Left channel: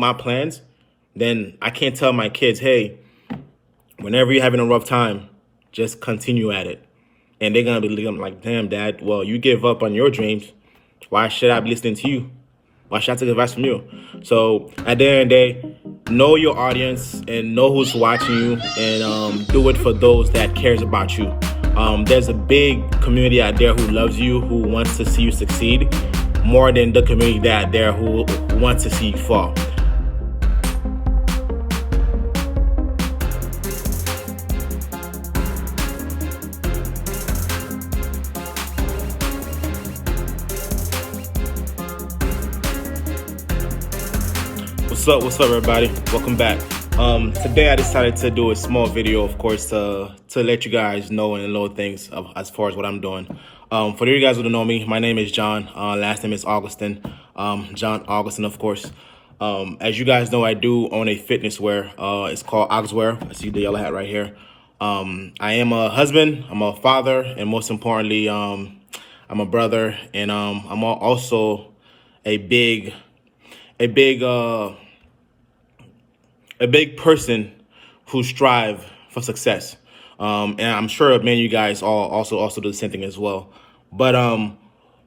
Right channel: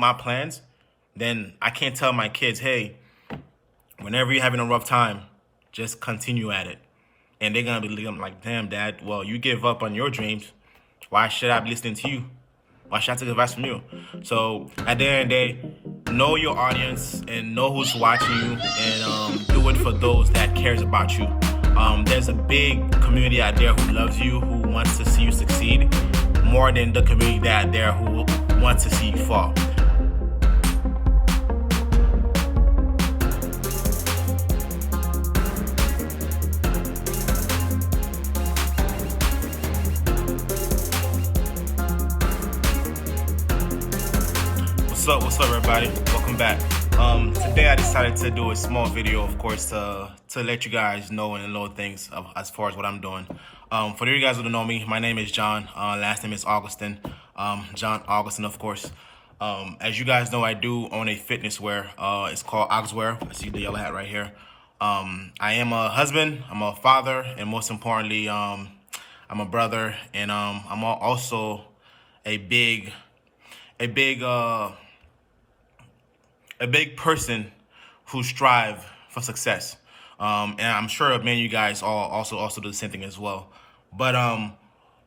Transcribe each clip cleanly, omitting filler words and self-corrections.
my plans, then I can't tell my kids, hey, whenever you're having a rough time, just continue at it. And they're going to be like, damn, Dad, well, you give up on your dreams. Why should I be listening to you? Why should I take advice from you? So at the end of the day, know your audience and know who's watching you, and do it for those that cares about you. There's a big community out there who loves you, who wants to see you succeed, more than the community out there who wants to see you fall. What's up, everybody? Welcome back. Today I decided to do a small video, of course, to let you guys know and little things as far as what I'm doing. For you guys who don't know me, my name is John. Last name is Augustin. John Augustin, of course. As you guys know, I do own a fitness wear. It's called Augswear. I see the yellow hat right here. I am a husband. I'm a father, and most importantly, I'm a brother, and I'm also a big person who strive for success. And I'm sure many of you guys also do the same thing as well. But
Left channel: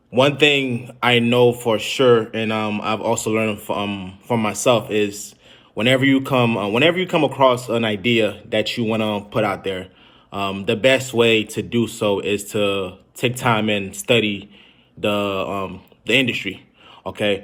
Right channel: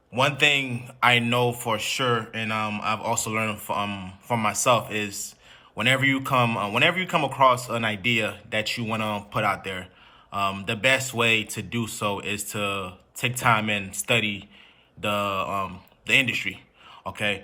one thing I know for sure, and I've also learned from myself, is whenever you come across an idea that you want to put out there, the best way to do so is to take time and study the industry. Okay.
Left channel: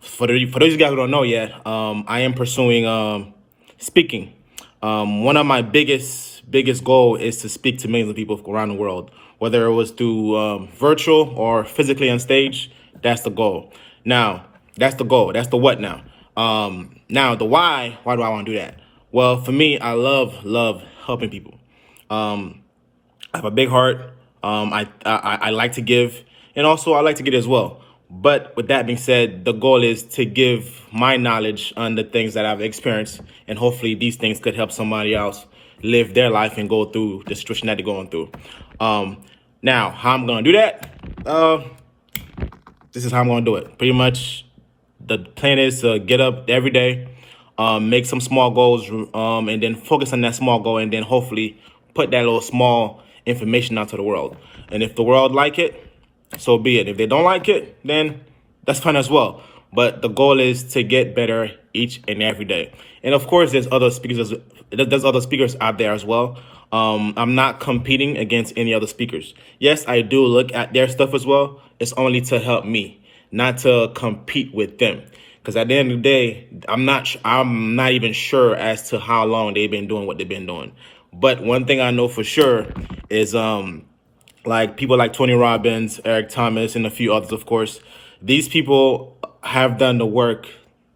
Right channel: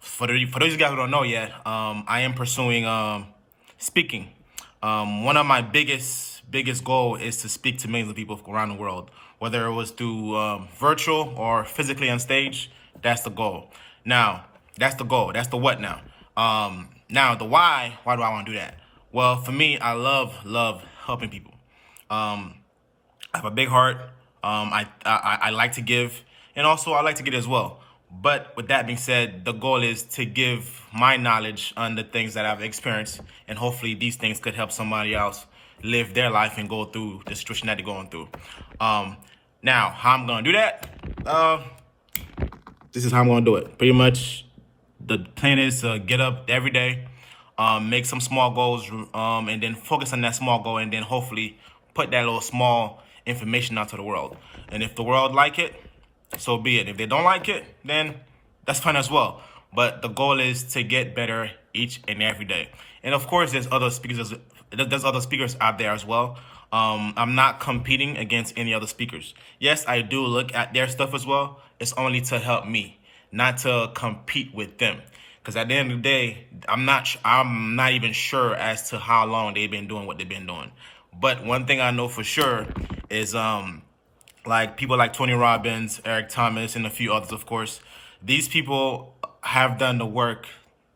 For those of you guys who don't know yet, I am pursuing speaking. One of my biggest goal is to speak to millions of people around the world, whether it was through virtual or physically on stage. That's the goal. Now, that's the goal. That's the what now. Now, the why. Why do I want to do that? Well, for me, I love helping people. I have a big heart. I like to give, and also I like to get as well. But with that being said, the goal is to give my knowledge on the things that I've experienced, and hopefully these things could help somebody else live their life and go through the situation that they're going through. Now, how I'm going to do that? This is how I'm going to do it. Pretty much the plan is to get up every day, make some small goals, and then focus on that small goal, and then hopefully put that little small information out to the world. And if the world like it, so be it. If they don't like it, then that's fine as well. But the goal is to get better each and every day. And of course, there's other speakers out there as well. I'm not competing against any other speakers. Yes, I do look at their stuff as well. It's only to help me, not to compete with them. Because at the end of the day, I'm not even sure as to how long they've been doing what they've been doing. But one thing I know for sure is like people like Tony Robbins, Eric Thomas, and a few others, of course. These people have done the work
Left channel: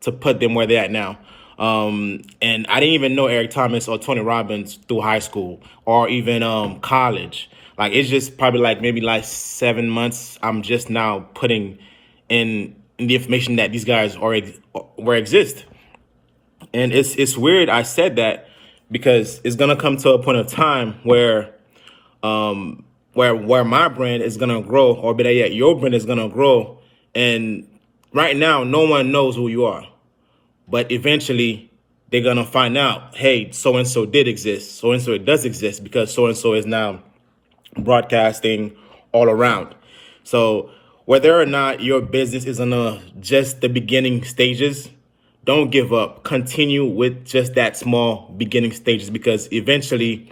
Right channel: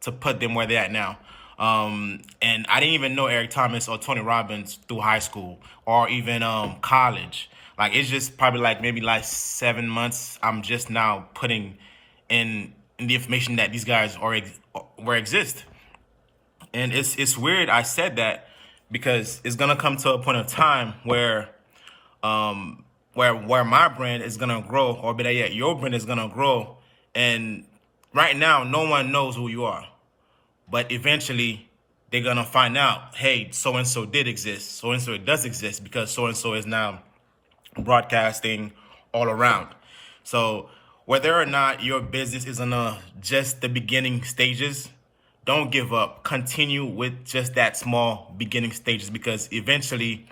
to put them where they're at now. And I didn't even know Eric Thomas or Tony Robbins through high school or even college. Like, it's just probably maybe 7 months. I'm just now putting in the information that these guys exist. And it's weird I said that, because it's gonna come to a point of time where my brand is gonna grow, or better yet, your brand is gonna grow. And right now, no one knows who you are, but eventually they're gonna find out, hey, so and so did exist, so and so it does exist, because so and so is now broadcasting all around. So whether or not your business is on just the beginning stages, don't give up. Continue with just that small beginning stages, because eventually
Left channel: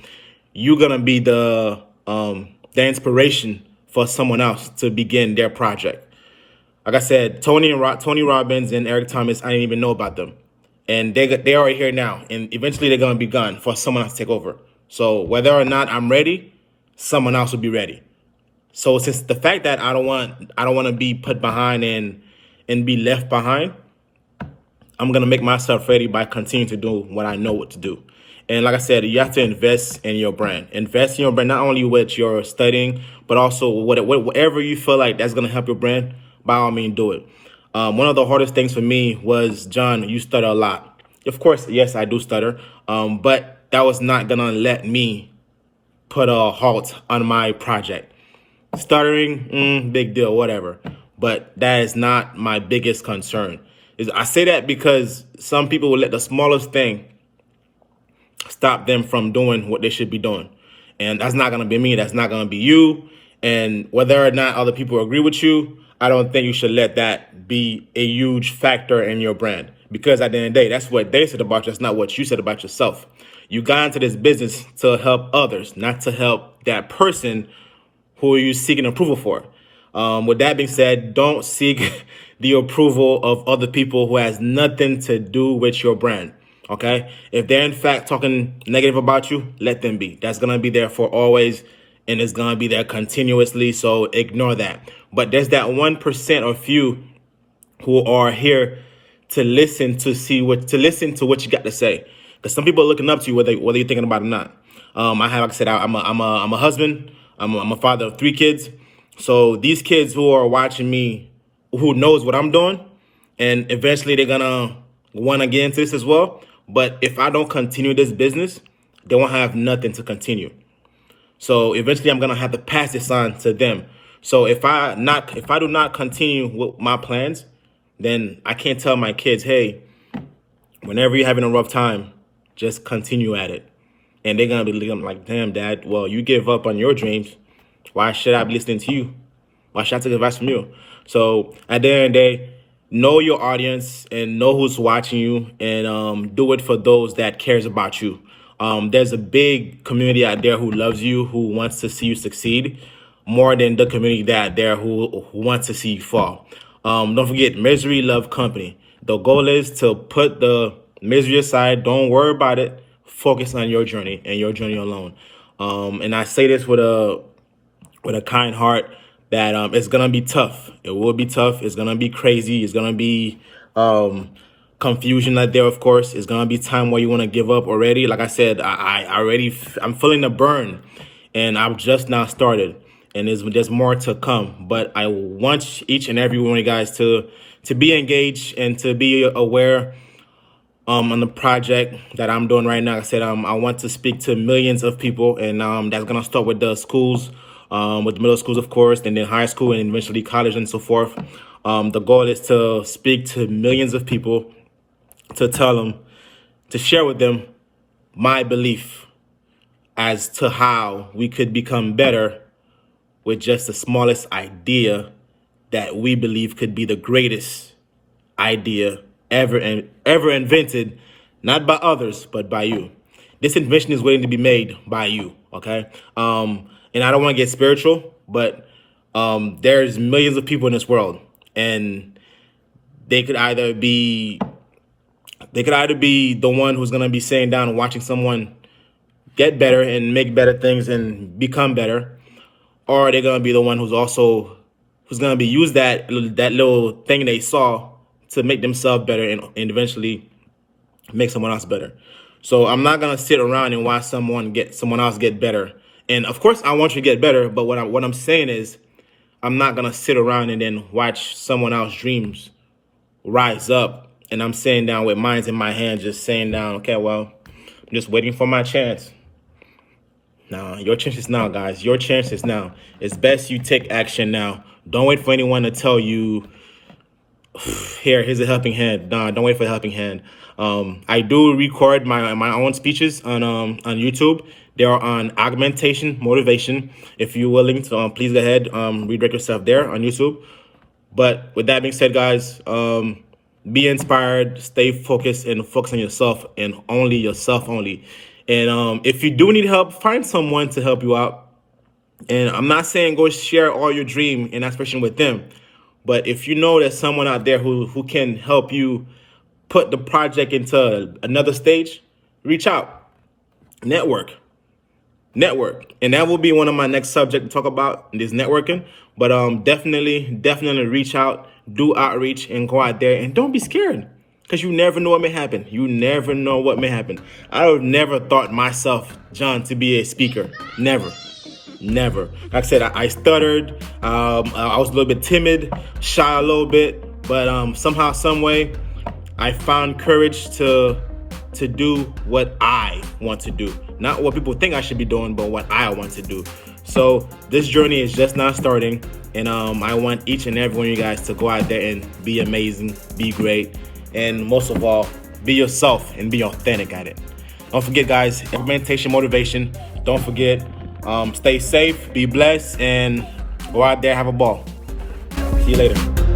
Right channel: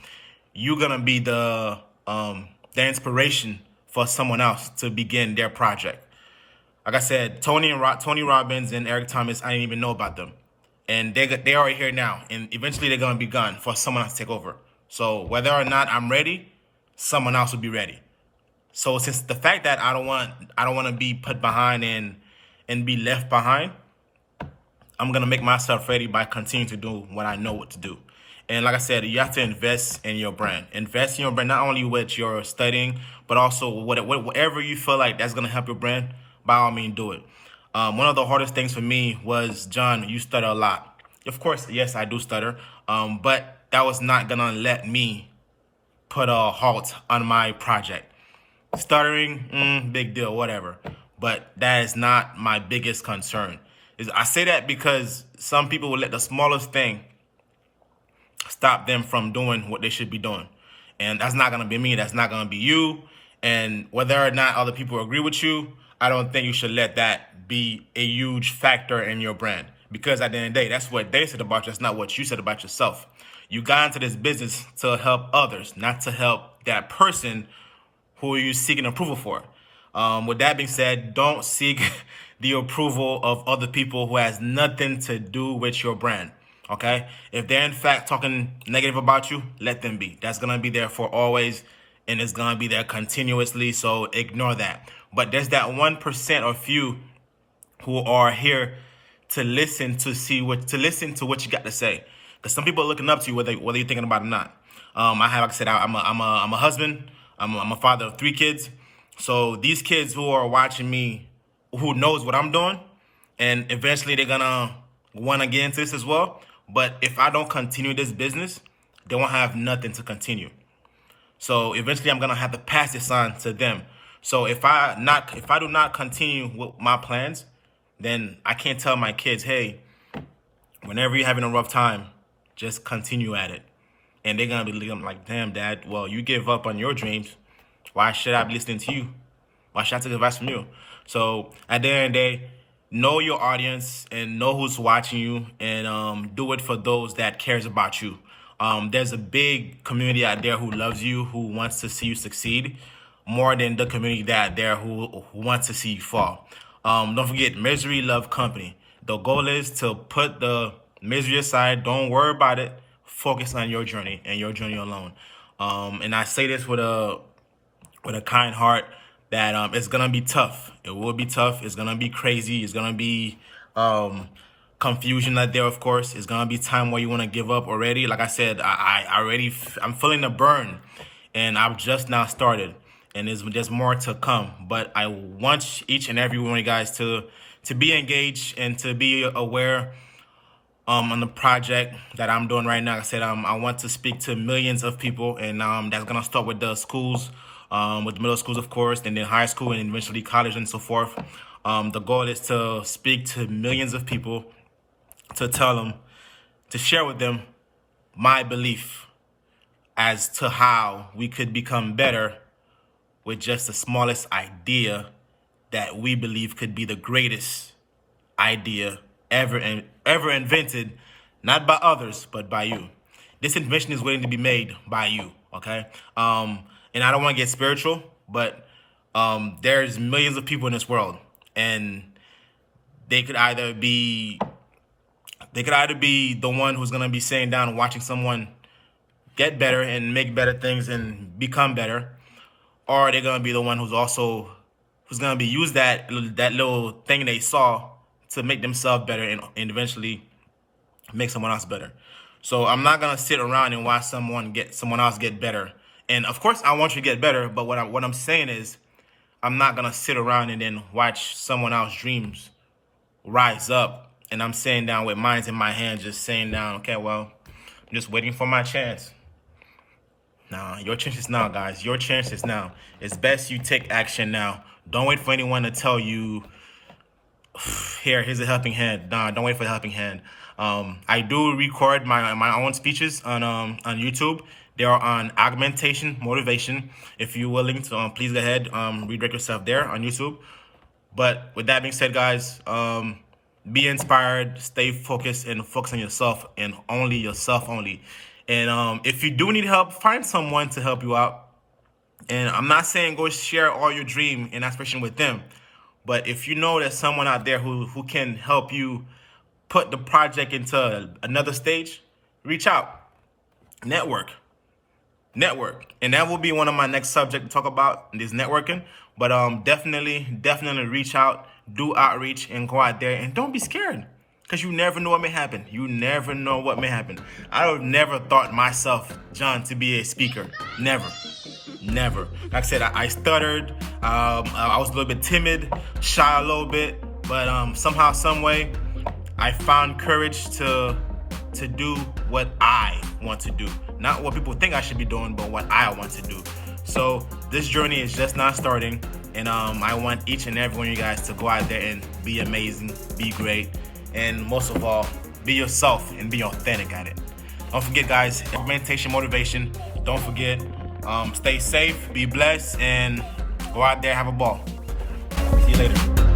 you're gonna be the inspiration for someone else to begin their project. Like I said, Tony Robbins and Eric Thomas, I didn't even know about them. And they are here now. And eventually they're going to be gone for someone else to take over. So whether or not I'm ready, someone else will be ready. So since the fact that I don't want to be put behind and be left behind, I'm going to make myself ready by continuing to do what I know what to do. And like I said, you have to invest in your brand. Invest in your brand, not only with your studying, but also whatever you feel like that's going to help your brand, by all means, do it. One of the hardest things for me was, John, you stutter a lot. Of course, yes, I do stutter, but that was not going to let me put a halt on my project. Stuttering, big deal, whatever. But that is not my biggest concern. I say that because some people will let the smallest thing stop them from doing what they should be doing. And that's not going to be me. That's not going to be you. And whether or not other people agree with you, I don't think you should let that be a huge factor in your brand. Because at the end of the day, that's what they said about you. That's not what you said about yourself. You got into this business to help others, not to help that person who you're seeking approval for. With that being said, don't seek the approval of other people who has nothing to do with your brand. Okay? If they're in fact talking negative about you, let them be. That's going to be there for always, and it's going to be there continuously, so ignore that. But there's that 1% or few who are here to listen to what you got to say. Because some people are looking up to you whether you're thinking about it or not. Like I said, I'm a husband. I'm a father of 3 kids. So these kids who are watching me, who knows what I'm doing, and eventually they're gonna want to get into this as well. But if I don't continue this business, they won't have nothing to continue. So eventually I'm gonna have to pass this on to them. So if I do not continue with my plans, then I can't tell my kids, hey, whenever you're having a rough time, just continue at it. And they're gonna be looking like, damn, Dad, well, you give up on your dreams. Why should I be listening to you? Why should I take advice from you? So at the end of the day, know your audience and know who's watching you, and do it for those that cares about you. There's a big community out there who loves you, who wants to see you succeed, more than the community out there who wants to see you fall. Don't forget, misery love company. The goal is to put the misery aside. Don't worry about it. Focus on your journey and your journey alone. And I say this with a kind heart that it's gonna be tough. It will be tough. It's gonna be crazy. It's gonna be confusion out there. Of course, it's gonna be time where you want to give up already. Like I said, I'm feeling the burn, and I've just now started, and there's more to come. But I want each and every one of you guys to be engaged and to be aware on the project that I'm doing right now. Like I said, I want to speak to millions of people, and that's gonna start with the schools, with middle schools, of course, and then high school, and eventually college and so forth. The goal is to speak to millions of people, to tell them, to share with them my belief as to how we could become better with just the smallest idea that we believe could be the greatest idea ever invented, not by others, but by you. This invention is waiting to be made by you, okay? And I don't want to get spiritual, but there's millions of people in this world, and they could either be the one who's going to be sitting down and watching someone get better and make better things and become better, or they're going to be the one who's going to be use that little thing they saw to make themselves better and eventually make someone else better. So I'm not going to sit around and watch someone else get better. And of course I want you to get better, but what I'm saying is I'm not going to sit around and then watch someone else's dreams rise up, and I'm sitting down with mine in my hand, just saying down, okay, well, I'm just waiting for my chance. Nah, your chance is now, guys. Your chance is now. It's best you take action now. Don't wait for anyone to tell you, here's a helping hand. Nah, don't wait for a helping hand. I do record my own speeches on YouTube. They are on augmentation motivation. If you're willing to, please go ahead, redirect yourself there on YouTube. But with that being said, guys, be inspired, stay focused, and focus on yourself and only yourself only. And if you do need help, find someone to help you out. And I'm not saying go share all your dream and aspiration with them, but if you know there's someone out there who can help you put the project into another stage, reach out, network. And that will be one of my next subjects to talk about, is networking. But definitely reach out, do outreach, and go out there, and don't be scared, because you never know what may happen. You never know what may happen. I have never thought myself, John, to be a speaker. Never. Like I said, I stuttered. I was a little bit timid, shy a little bit, but somehow, some way, I found courage to do what I want to do. Not what people think I should be doing, but what I want to do. So this journey is just not starting, and I want each and every one of you guys to go out there and be amazing, be great, and most of all, be yourself and be authentic at it. Don't forget, guys, implementation, motivation. Don't forget, stay safe, be blessed, and go out there, have a ball. See you later.